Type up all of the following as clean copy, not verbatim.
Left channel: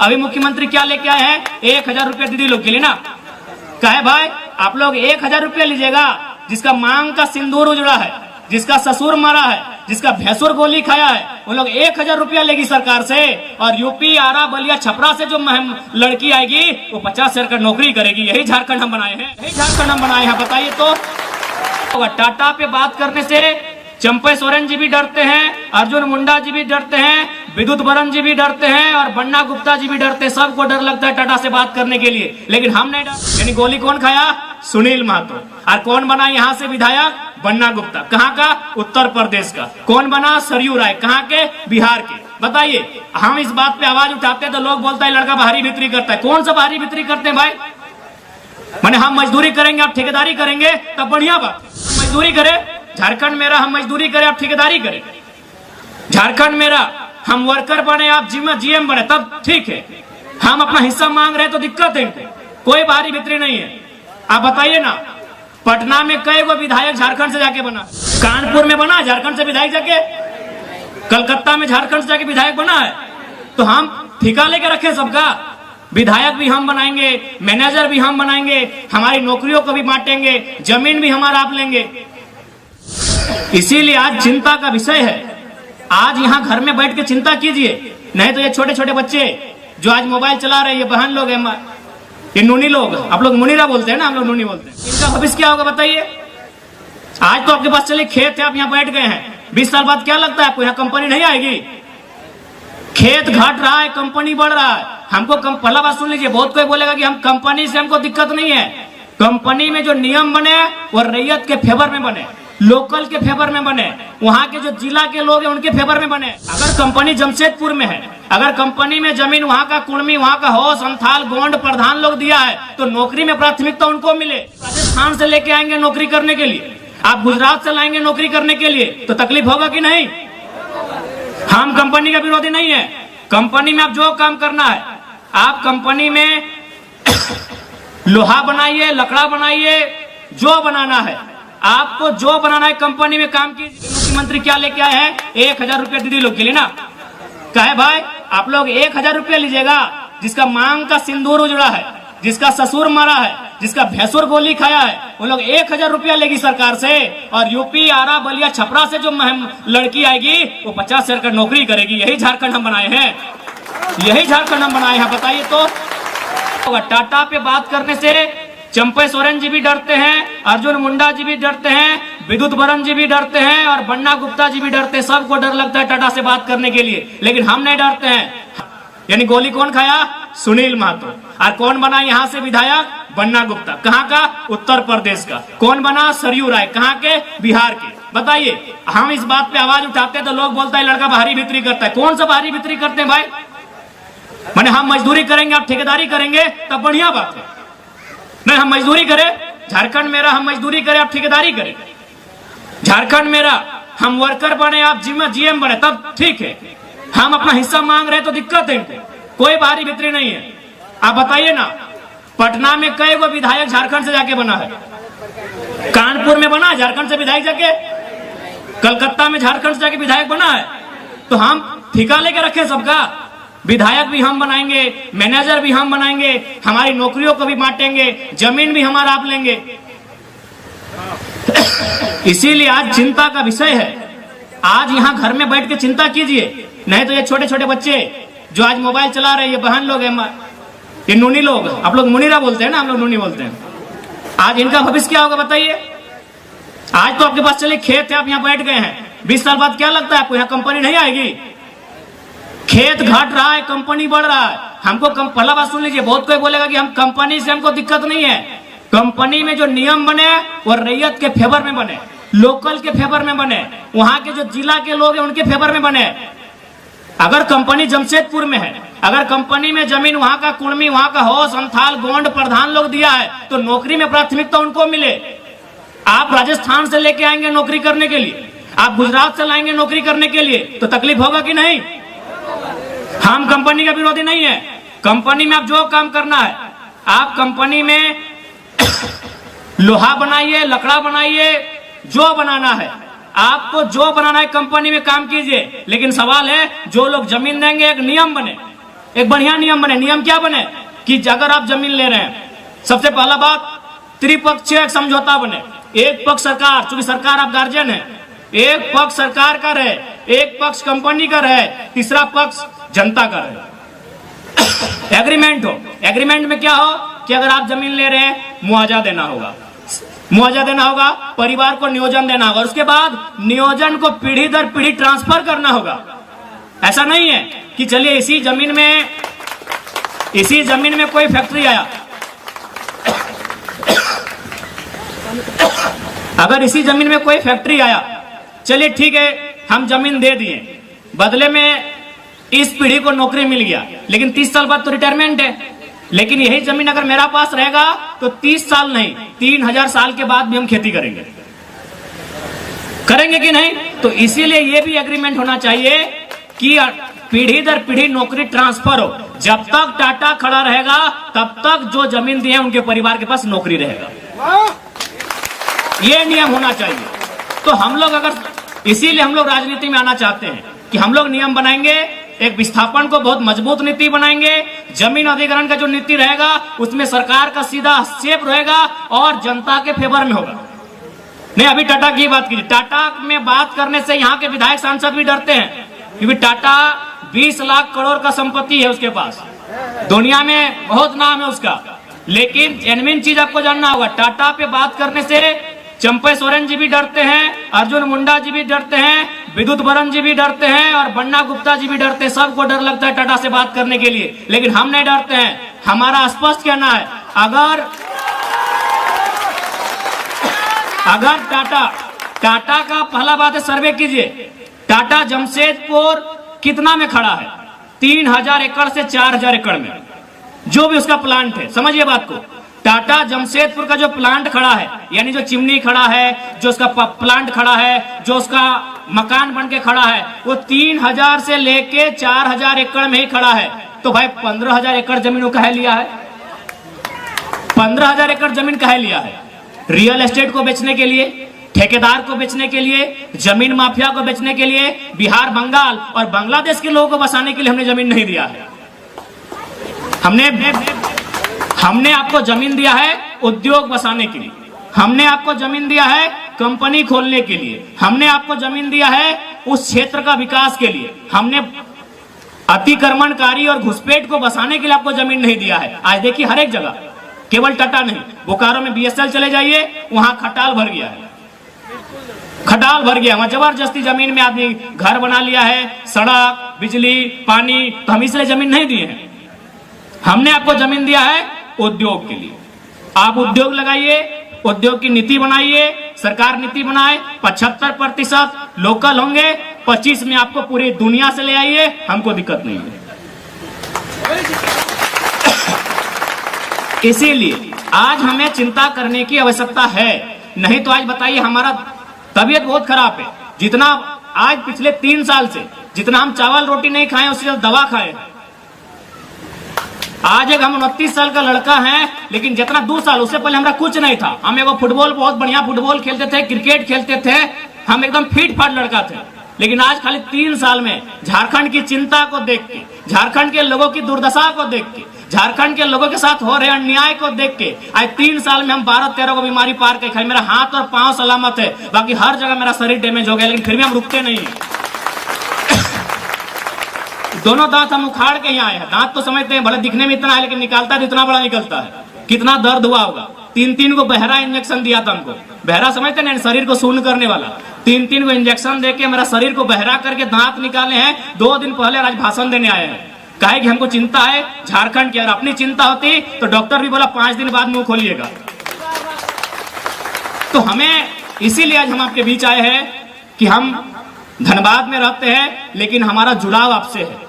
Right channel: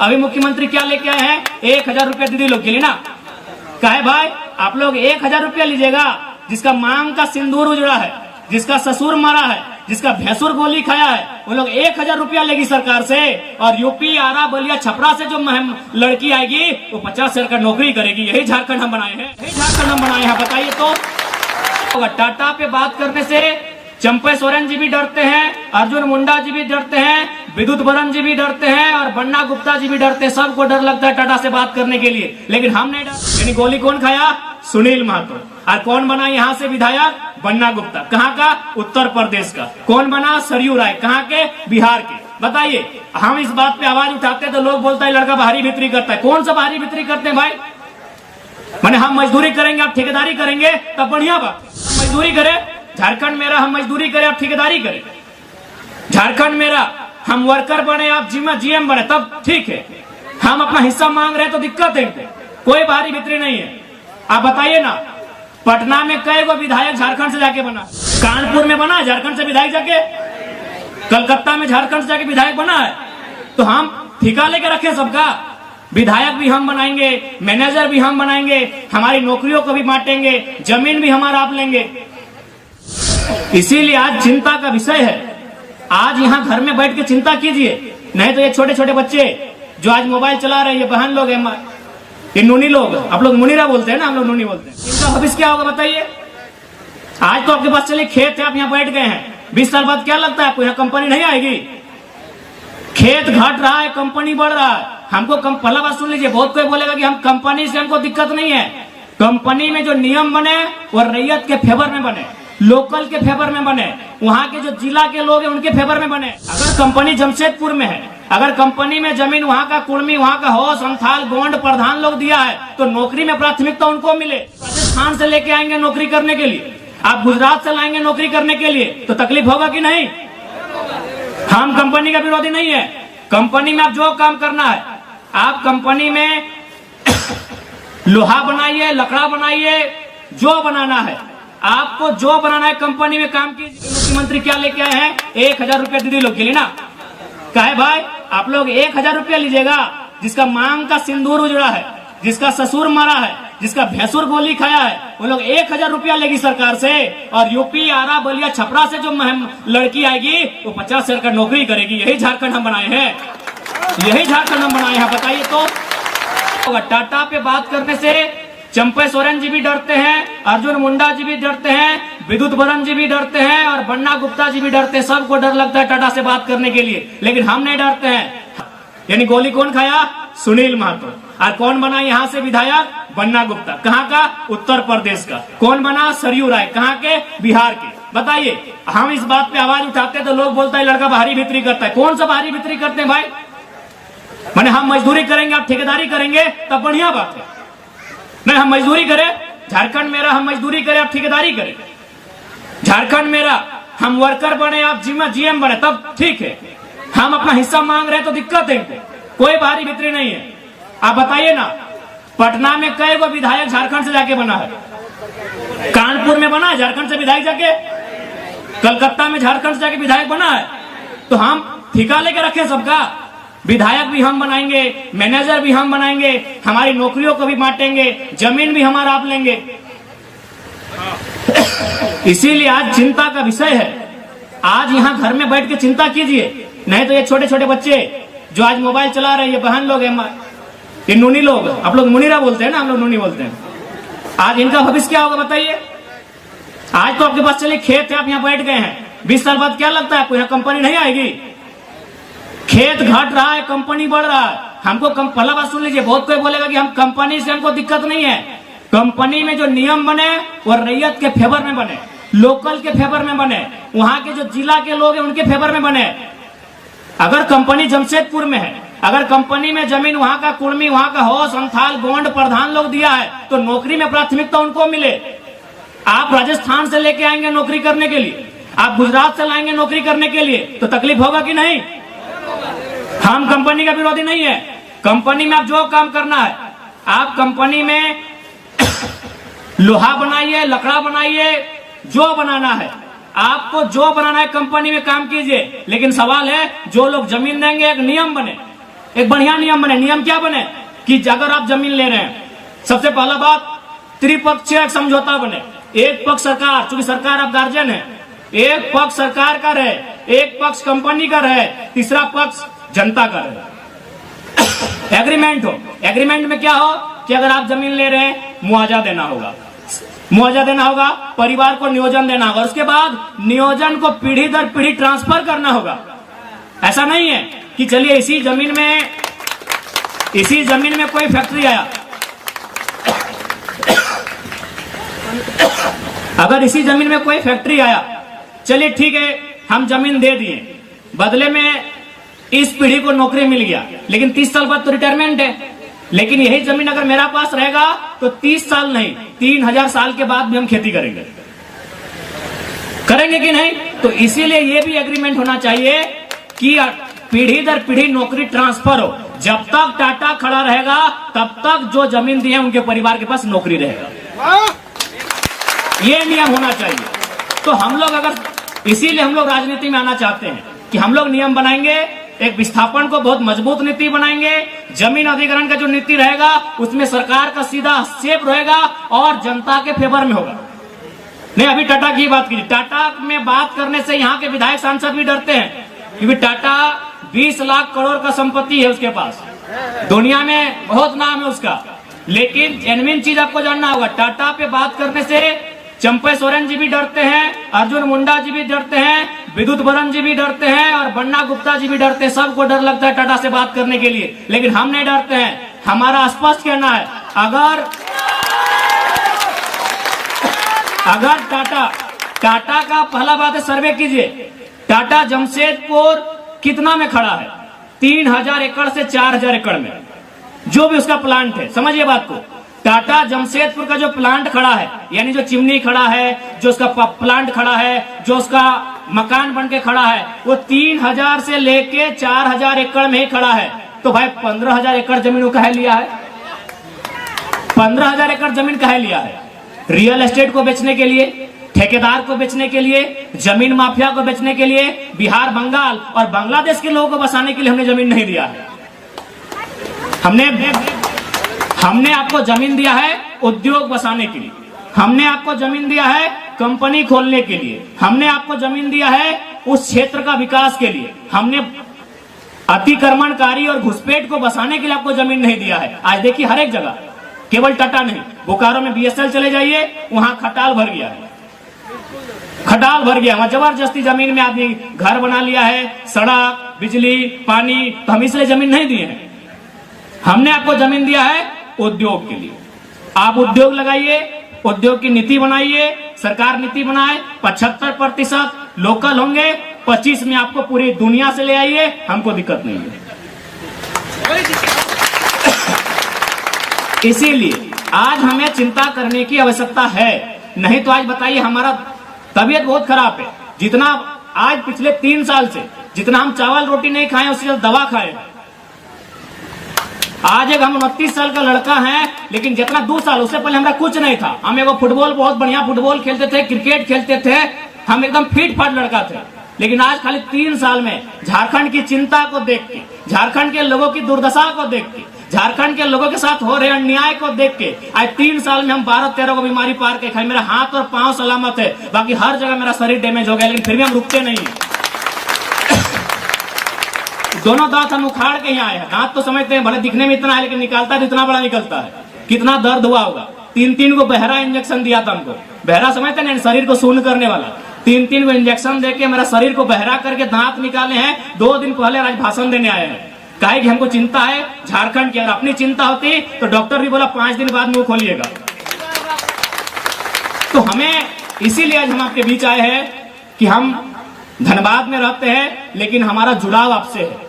अभी मुख्यमंत्री क्या लेके आए हैं? 1000 रुपया दीदी लोग के लिए ना। कहे भाई आप लोग 1000 रुपया लीजिएगा, जिसका मांग का सिंदूर उजड़ा है, जिसका ससुर मारा है, जिसका भैंसुर गोली खाया है, वो लोग 1000 रुपया लेगी सरकार से। और यूपी, आरा, बलिया, छपरा से जो लड़की आएगी वो 50,000 का नौकरी करेगी। यही झारखंड हम बनाए हैं, यही झारखंड हम बनाए हैं। बताइए तो टाटा पे बात करने से चंपे सोरेन जी भी डरते हैं, अर्जुन मुंडा जी भी डरते हैं, विद्युत बरन जी भी डरते हैं और बन्ना गुप्ता जी भी डरते हैं। सबको डर लगता है टाटा से बात करने के लिए, लेकिन हम नहीं डरते। यानी गोली कौन खाया? सुनील महतो। और कौन बना यहाँ से विधायक? बन्ना गुप्ता। कहाँ का? उत्तर प्रदेश का। कौन बना? सरयू राय। कहाँ के? बिहार के। बताइए, हम इस बात पे आवाज उठाते तो लोग बोलता है लड़का बाहरी भीतरी करता है। कौन सा बाहरी भीतरी करते हैं भाई? माने हम मजदूरी करेंगे, आप ठेकेदारी करेंगे, तब बढ़िया बात। मजदूरी करे, झारखंड मेरा, हम मजदूरी करें, आप ठेकेदारी करें। झारखंड मेरा, हम वर्कर बने, आप जीएम बने, तब ठीक है। हम अपना हिस्सा मांग रहे हैं तो दिक्कत है इनको, कोई बाहरी भीतरी नहीं है। आप बताइए ना, पटना में कई गो विधायक झारखंड से जाके बना? कानपुर में बना झारखंड से विधायक जाके? कलकत्ता में झारखंड से जाके विधायक बना है? तो हम ठिका लेके रखे सबका? विधायक भी हम बनाएंगे, मैनेजर भी हम बनाएंगे, हमारी नौकरियों को भी बांटेंगे, जमीन भी हमारा आप लेंगे। इसीलिए आज चिंता का विषय है। आज यहाँ घर में बैठ के चिंता कीजिए, नहीं तो ये छोटे छोटे बच्चे जो आज मोबाइल चला रहे हैं, ये बहन लोग हैं, ये नूनी लोग, आप लोग मुनीरा बोलते हैं ना, हम लोग नूनी बोलते हैं। इनका भविष्य क्या होगा बताइए? आज तो आपके पास चलिए खेत है, आप यहाँ बैठ गए हैं, 20 साल बाद क्या लगता है आपको यहाँ कंपनी नहीं आएगी? खेत घट रहा है, कंपनी बढ़ रहा है। हमको पहला बात सुन लीजिए, बहुत कोई बोलेगा कि हम कंपनी से हमको दिक्कत नहीं है। कंपनी में जो नियम बने वो रैयत के फेवर में बने, लोकल के फेवर में बने, वहाँ के जो जिला के लोग हैं उनके फेवर में बने। अगर कंपनी जमशेदपुर में है, अगर कंपनी में जमीन वहाँ का कुर्मी, वहाँ का हो, संथाल, गोंड, प्रधान लोग दिया है, तो नौकरी में प्राथमिकता उनको मिले। राजस्थान से लेके आएंगे नौकरी करने के लिए, आप गुजरात से लाएंगे नौकरी करने के लिए, तो तकलीफ होगा कि नहीं? हम कंपनी का विरोधी नहीं है। कंपनी में आप जो काम करना है, आप कंपनी में लोहा बनाइए, लकड़ा बनाइए, जो बनाना है आपको, जो बनाना है कंपनी में काम कीजिए। मुख्यमंत्री क्या लेके आए हैं? 1000 रुपया दीदी लोग के लिए ना। कहे भाई आप लोग 1000 रुपया लीजिएगा, जिसका मांग का सिंदूर उजड़ा है, जिसका ससुर मारा है, जिसका भैंसुर गोली खाया है, वो लोग 1000 रुपया लेगी सरकार से। और यूपी, आरा, बलिया, छपरा से जो लड़की आएगी वो 50,000 का नौकरी करेगी। यही झारखंड हम बनाए हैं, यही झारखंड हम बनाए हैं। बताइए तो टाटा पे बात करने से चंपे सोरेन जी भी डरते हैं, अर्जुन मुंडा जी भी डरते हैं, विद्युत बरन जी भी डरते हैं और बन्ना गुप्ता जी भी डरते हैं। सबको डर लगता है टाटा से बात करने के लिए, लेकिन हम नहीं डरते हैं। यानी गोली कौन खाया? सुनील महतो। और कौन बना यहाँ से विधायक? बन्ना गुप्ता। कहाँ का? उत्तर प्रदेश का। कौन बना? सरयू राय। कहाँ के? बिहार के। बताइए, हम इस बात पे आवाज उठाते तो लोग बोलता है लड़का बाहरी भीतरी करता है। कौन सा बाहरी भीतरी करते हैं भाई? माने हम मजदूरी करेंगे, आप ठेकेदारी करेंगे, तब बढ़िया बात है। नहीं, हम मजदूरी करें, झारखंड मेरा, हम मजदूरी करें, आप ठेकेदारी करें। झारखंड मेरा, हम वर्कर बने, आप जीएम बने, तब ठीक है। हम अपना हिस्सा मांग रहे हैं तो दिक्कत है इनको, कोई बाहरी भीतरी नहीं है। आप बताइए ना, पटना में कई गो विधायक झारखंड से जाके बना है? कानपुर में बना झारखंड से विधायक जाके? कलकत्ता में झारखंड से जाके विधायक बना है? तो हम ठिका लेके रखे सबका? विधायक भी हम बनाएंगे, मैनेजर भी हम बनाएंगे, हमारी नौकरियों को भी बांटेंगे, जमीन भी हमारा आप लेंगे। इसीलिए आज चिंता का विषय है। आज यहाँ घर में बैठ के चिंता कीजिए, नहीं तो ये छोटे छोटे बच्चे जो आज मोबाइल चला रहे हैं, ये बहन लोग हैं, ये नूनी लोग, आप लोग मुनीरा बोलते हैं ना, हम लोग नूनी बोलते हैं। आज इनका भविष्य क्या होगा बताइए? आज तो आपके पास चलिए खेत है, आप यहाँ बैठ गए हैं, 20 साल बाद क्या लगता है आपको यहाँ कंपनी नहीं आएगी? खेत घट रहा है, कंपनी बढ़ रहा है। हमको पहला बात सुन लीजिए, बहुत कोई बोलेगा कि हम कंपनी से हमको दिक्कत नहीं है। कंपनी में जो नियम बने वो रैयत के फेवर में बने, लोकल के फेवर में बने, वहाँ के जो जिला के लोग हैं उनके फेवर में बने। अगर कंपनी जमशेदपुर में है, अगर कंपनी में जमीन वहाँ का कुर्मी, वहाँ का हो, संथाल, गोंड, प्रधान लोग दिया है, तो नौकरी में प्राथमिकता उनको मिले। आप राजस्थान से लेके आएंगे नौकरी करने के लिए, आप गुजरात से लाएंगे नौकरी करने के लिए, तो तकलीफ होगा कि नहीं? हम कंपनी का विरोधी नहीं है। कंपनी में आप जो काम करना है, आप कंपनी में लोहा बनाइए, लकड़ा बनाइए, जो बनाना है आपको, जो बनाना है कंपनी में काम कीजिए। लेकिन सवाल है, जो लोग जमीन देंगे, एक नियम बने, एक बढ़िया नियम बने। नियम क्या बने कि अगर आप जमीन ले रहे हैं, सबसे पहला बात त्रिपक्षीय समझौता बने। एक पक्ष सरकार, चूंकि सरकार आप गार्जियन है, एक पक्ष सरकार का रहे, एक पक्ष कंपनी का रहे, तीसरा पक्ष जनता का रहे। एग्रीमेंट हो। एग्रीमेंट में क्या हो कि अगर आप जमीन ले रहे हैं, मुआवजा देना होगा, मुआवजा देना होगा, परिवार को नियोजन देना होगा, उसके बाद नियोजन को पीढ़ी दर पीढ़ी ट्रांसफर करना होगा। ऐसा नहीं है कि चलिए इसी जमीन में कोई फैक्ट्री आया, अगर इसी जमीन में कोई फैक्ट्री आया, चलिए ठीक है हम जमीन दे दिए, बदले में इस पीढ़ी को नौकरी मिल गया, लेकिन 30 साल बाद तो रिटायरमेंट है। लेकिन यही जमीन अगर मेरा पास रहेगा तो 30 साल नहीं 3000 साल के बाद भी हम खेती करेंगे कि नहीं। तो इसीलिए ये भी एग्रीमेंट होना चाहिए कि पीढ़ी दर पीढ़ी नौकरी ट्रांसफर हो। जब तक टाटा खड़ा रहेगा तब तक जो जमीन दी है उनके परिवार के पास नौकरी रहेगा, ये नियम होना चाहिए। तो हम लोग इसीलिए हम लोग राजनीति में आना चाहते हैं कि हम लोग नियम बनाएंगे, एक विस्थापन को बहुत मजबूत नीति बनाएंगे, जमीन अधिग्रहण का जो नीति रहेगा उसमें सरकार का सीधा हस्तक्षेप रहेगा और जनता के फेवर में होगा। नहीं, अभी टाटा की बात कीजिए, टाटा में बात करने से यहाँ के विधायक सांसद भी डरते हैं, क्योंकि टाटा 20 लाख करोड़ का संपत्ति है उसके पास, दुनिया में बहुत नाम है उसका। लेकिन जेन्युइन चीज आपको जानना होगा, टाटा पे बात करने से चंपे सोरेन जी भी डरते हैं, अर्जुन मुंडा जी भी डरते हैं, विद्युत बरन जी भी डरते हैं और बन्ना गुप्ता जी भी डरते हैं। सबको डर लगता है टाटा से बात करने के लिए, लेकिन हम नहीं डरते हैं। हमारा स्पष्ट कहना है, अगर टाटा का पहला बात है, सर्वे कीजिए, टाटा जमशेदपुर कितना में खड़ा है? 3000 एकड़ से 4000 एकड़ में, जो भी उसका प्लांट है। समझिए बात को, टाटा जमशेदपुर का जो प्लांट खड़ा है, यानी जो चिमनी खड़ा है, जो उसका प्लांट खड़ा है, जो उसका मकान बन के खड़ा है, वो 3000 से लेके 4000 एकड़ में ही खड़ा है। तो भाई 15000 एकड़ जमीन वो कहे लिया है? 15000 एकड़ जमीन कहे लिया है? रियल एस्टेट को बेचने के लिए, ठेकेदार को बेचने के लिए, जमीन माफिया को बेचने के लिए, बिहार, बंगाल और बांग्लादेश के लोगों को बसाने के लिए हमने जमीन नहीं दिया है। हमने आपको जमीन दिया है उद्योग बसाने के लिए, हमने आपको जमीन दिया है कंपनी खोलने के लिए, हमने आपको जमीन दिया है उस क्षेत्र का विकास के लिए। हमने अतिक्रमणकारी और घुसपैठ को बसाने के लिए आपको जमीन नहीं दिया है। आज देखिए हर एक जगह, केवल टाटा नहीं, बोकारो में BSL चले जाइए, वहां खटाल भर गया है, खटाल भर गया, वहां जबरदस्ती जमीन में आदमी घर बना लिया है, सड़क, बिजली, पानी। तो हम इसलिए जमीन नहीं दिए हैं, हमने आपको जमीन दिया है उद्योग के लिए। आप उद्योग लगाइए, उद्योग की नीति बनाइए, सरकार नीति बनाए, 75% लोकल होंगे, 25 में आपको पूरी दुनिया से ले आइए, हमको दिक्कत नहीं है। इसीलिए आज हमें चिंता करने की आवश्यकता है, नहीं तो आज बताइए हमारा तबीयत बहुत खराब है। जितना आज पिछले 3 साल से जितना हम चावल रोटी नहीं खाए, उससे ज्यादा दवा खाए। आज एक हम 29 साल का लड़का है, लेकिन जितना 2 साल उससे पहले हमारा कुछ नहीं था। हम एगो फुटबॉल, बहुत बढ़िया फुटबॉल खेलते थे, क्रिकेट खेलते थे, हम एकदम फिट फाट लड़का थे। लेकिन आज खाली 3 साल में झारखंड की चिंता को देख के, झारखंड के लोगों की दुर्दशा को देख के, झारखंड के लोगों के साथ हो रहे अन्याय को देख के, आज 3 साल में हम 12-13 को बीमारी पार के खाए। मेरा हाथ और पांव सलामत है, बाकी हर जगह मेरा शरीर डैमेज हो गया, लेकिन फिर भी हम रुकते नहीं। दोनों दांत हम उखाड़ के यहाँ आए हैं। दांत तो समझते हैं भले दिखने में इतना है, लेकिन निकालता है इतना बड़ा निकलता है। कितना दर्द हुआ होगा। 3-3 को बहरा इंजेक्शन दिया था हमको। बहरा समझते हैं, शरीर को शून्य करने वाला। 3-3 को इंजेक्शन देके मेरा शरीर को बहरा करके दांत निकाले हैं। 2 दिन पहले आज भाषण देने आए हैं। कहे कि हमको चिंता है झारखंड की, अगर अपनी चिंता होती तो डॉक्टर भी बोला 5 दिन बाद मुंह खोलिएगा। तो हमें इसीलिए आज हम आपके बीच आए हैं कि हम धनबाद में रहते हैं, लेकिन हमारा जुड़ाव आपसे है।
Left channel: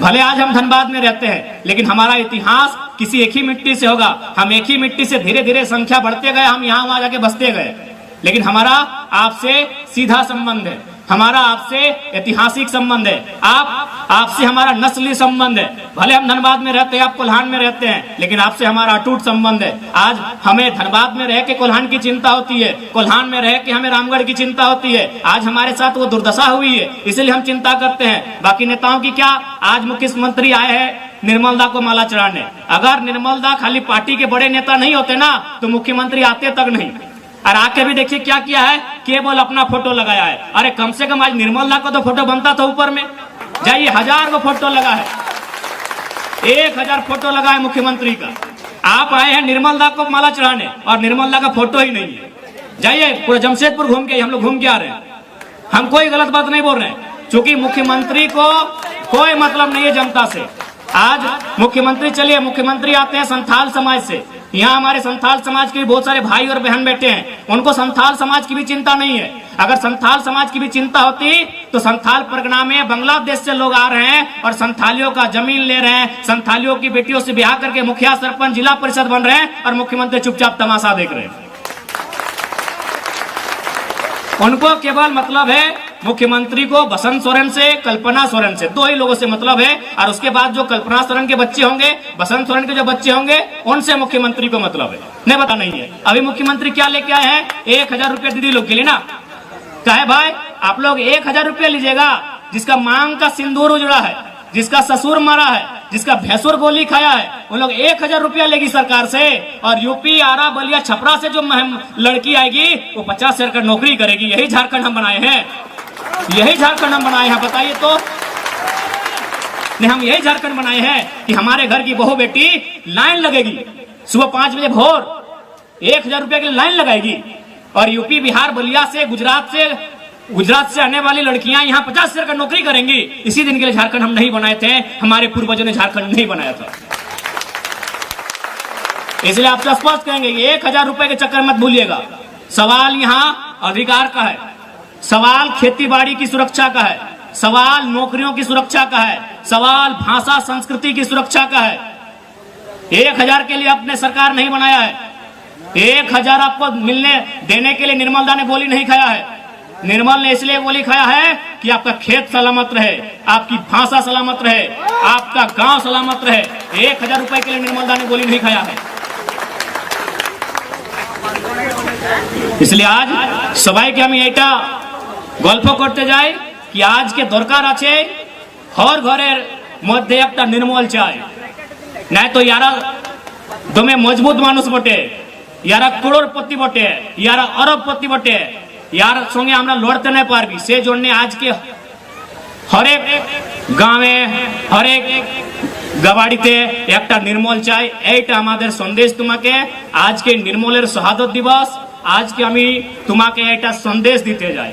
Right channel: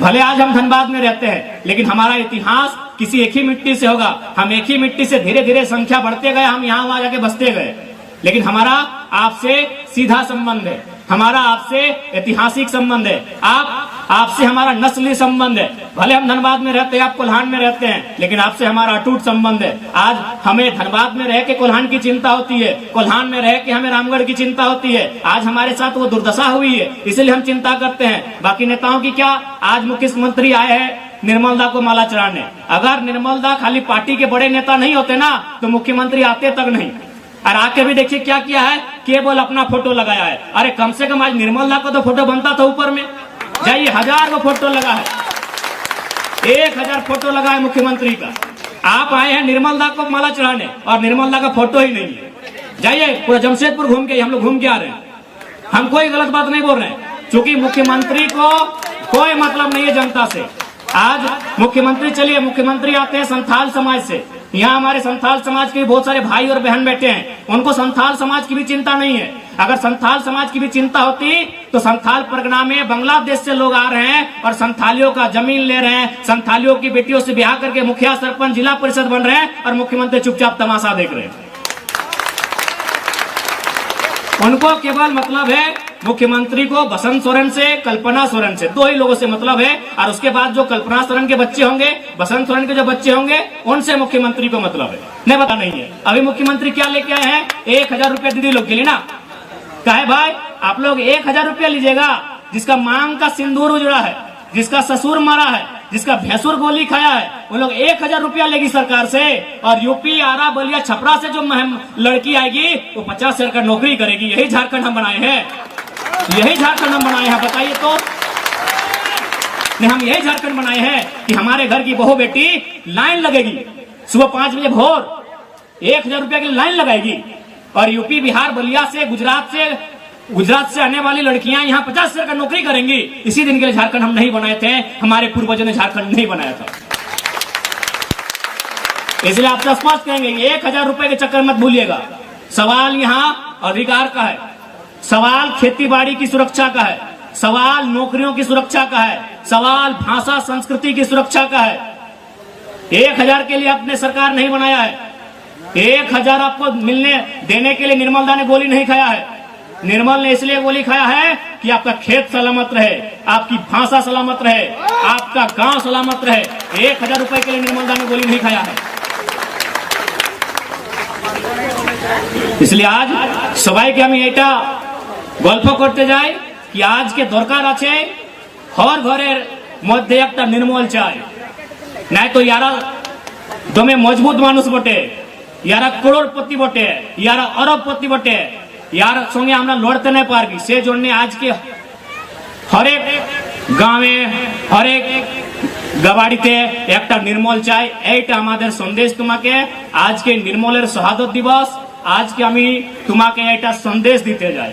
भले आज हम धनबाद में रहते हैं, लेकिन हमारा इतिहास किसी एक ही मिट्टी से होगा। हम एक ही मिट्टी से धीरे धीरे संख्या बढ़ते गए, हम यहाँ वहां जाके बसते गए। लेकिन हमारा आपसे सीधा संबंध है, हमारा आपसे ऐतिहासिक संबंध है, आपसे हमारा नस्ली संबंध है। भले हम धनबाद में रहते हैं, आप कोल्हान में रहते हैं, लेकिन आपसे हमारा अटूट संबंध है। आज हमें धनबाद में रह के कोल्हान की चिंता होती है, कोल्हान में रह के हमें रामगढ़ की चिंता होती है। आज हमारे साथ वो दुर्दशा हुई है, इसलिए हम चिंता करते हैं। बाकी नेताओं की क्या, आज मुख्यमंत्री आए हैं निर्मलदा को माला चढ़ाने। अगर निर्मलदा खाली पार्टी के बड़े नेता नहीं होते ना तो मुख्यमंत्री आते तक नहीं। और आके भी देखिए क्या किया है, केवल अपना फोटो लगाया है। अरे कम से कम आज निर्मलदा को तो फोटो बनता था ऊपर में, जाइए 1000 को फोटो लगा है, 1000 फोटो लगा है मुख्यमंत्री का। आप आए हैं निर्मलदा को माला चढ़ाने और निर्मलदा का फोटो ही नहीं है। जाइए पूरा जमशेदपुर घूम के, हम लोग घूम के आ रहे हैं, हम कोई गलत बात नहीं बोल रहे हैं, क्योंकि मुख्यमंत्री को कोई मतलब नहीं है जनता से। आज मुख्यमंत्री, चलिए मुख्यमंत्री आते हैं संथाल समाज से, यहाँ हमारे संथाल समाज के भी बहुत सारे भाई और बहन बैठे हैं, उनको संथाल समाज की भी चिंता नहीं है। अगर संथाल समाज की भी चिंता होती तो संथाल परगना में बांग्लादेश से लोग आ रहे हैं और संथालियों का जमीन ले रहे हैं, संथालियों की बेटियों से ब्याह करके मुखिया सरपंच जिला परिषद बन रहे हैं और मुख्यमंत्री चुपचाप तमाशा देख रहे हैं। उनको केवल मतलब है मुख्यमंत्री को बसंत सोरेन से, कल्पना सोरेन से, 2 ही लोगों से मतलब है। और उसके बाद जो कल्पना सोरेन के बच्चे होंगे, बसंत सोरेन के जो बच्चे होंगे, उनसे मुख्यमंत्री को मतलब है, नहीं पता नहीं है। अभी मुख्यमंत्री क्या लेके आए हैं, 1000 रुपया दीदी लोग के लिए ना, कहे भाई आप लोग 1000 रुपया लीजिएगा, जिसका मांग का सिंदूर उजड़ा है, जिसका ससुर मरा है, जिसका भैंसुर गोली खाया है, वो लोग 1000 रुपया लेगी सरकार से। और यूपी, आरा, बलिया, छपरा से जो लड़की आएगी वो 50 हजार का नौकरी करेगी। यही झारखंड हम बनाए हैं, यही झारखंड हम बनाए हैं। बताइए तो, हम यही झारखंड बनाए हैं कि हमारे घर की बहू बेटी लाइन लगेगी सुबह 5 बजे भोर, 1000 रुपया के लिए लाइन लगाएगी। और यूपी, बिहार, बलिया से, गुजरात से आने वाली लड़कियां यहाँ 50 हजार का नौकरी करेंगी। इसी दिन के लिए झारखंड हम नहीं बनाए थे, हमारे पूर्वजों ने झारखंड नहीं बनाया था। इसलिए आपसे स्पष्ट कहेंगे, 1000 रुपए के चक्कर मत भूलिएगा। सवाल यहाँ अधिकार का है, सवाल खेती बाड़ी की सुरक्षा का है, सवाल नौकरियों की सुरक्षा का है, सवाल भाषा संस्कृति की सुरक्षा का है। 1000 के लिए आपने सरकार नहीं बनाया है, 1000 आपको देने के लिए निर्मलदा ने गोली नहीं खाया है। निर्मल ने इसलिए गोली खाया है कि आपका खेत सलामत रहे, आपकी भाषा सलामत रहे, आपका गांव सलामत रहे। 1000 रुपए के लिए निर्मलदा ने गोली नहीं खाया है। इसलिए आज सबाई के हमें एटा गल्प करते जाए कि आज के दरकार आछे हर घरेर मध्य एक निर्मल चाय, नहीं तो यारा दमे मजबूत मानुष बटे, यारा करोड़पति बटे, यारा अरबपति बटे, यार संगे আমরা লড়তে না পারবি। সেই জন্য আজকে হরেক গ্রামে, হরেক গাবাড়িতে একটা নির্মল চাই, এইটা আমাদের সন্দেশ তোমাকে। আজকে নির্মলের শহাদত দিবস, আজকে আমি তোমাকে এটা সন্দেশ দিতে যাই।